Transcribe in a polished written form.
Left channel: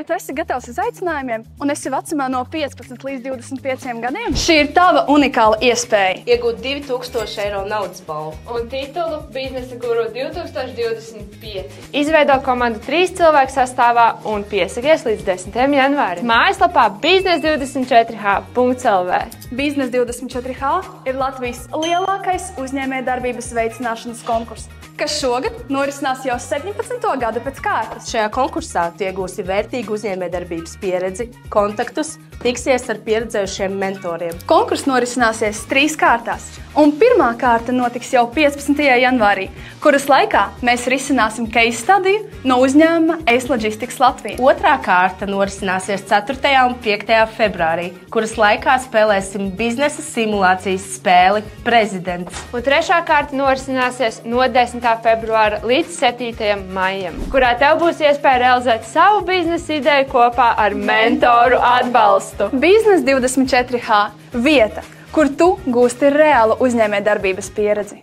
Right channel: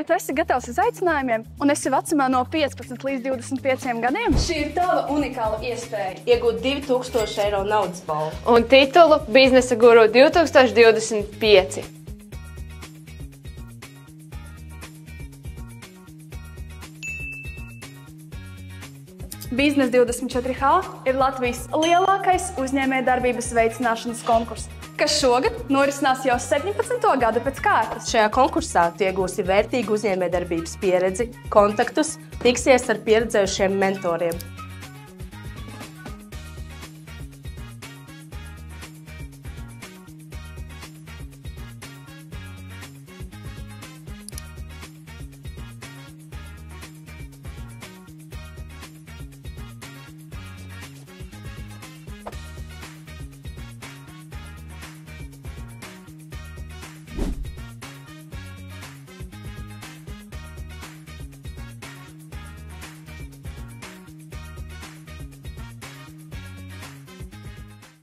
Vai tu esi gatavs izaicinājumiem un esi vecumā no 15 līdz 25 gadiem? Šī ir tava unikāla iespēja. Iegūt 2000 eiro naudas balvu. Un titulu Biznesa guru 2025. Izveido komandu 3 cilvēku sastāvā un piesakies līdz 10. janvārim. Mājaslapā biznes24h.lv. Biznes 24H ir Latvijas lielākais uzņēmējdarbības veicināšanas konkurss, kas šogad norisinās jau 17. gadu pēc kārtas. Šajā konkursā tu iegūsi vērtīgu uzņēmējdarbības pieredzi, kontaktus, tiksies ar pieredzējušiem mentoriem. Konkurss norisināsies 3 kārtās, un pirmā kārta notiks jau 15. janvārī, kuras laikā mēs risināsim case studiju no uzņēmuma Ace Logistics Latvija. Otrā kārta norisināsies 4. un 5. februārī, kuras laikā spēlēsim biznesa simulācijas spēli Prezidents. Un trešā kārta norisināsies no 10. februāra līdz 7. maijam, kurā tev būs iespēja realizēt savu biznesa ideju kopā ar mentoru atbalstu. Biznes 24H – vieta, kur tu gūsti reālu uzņēmējdarbības pieredzi.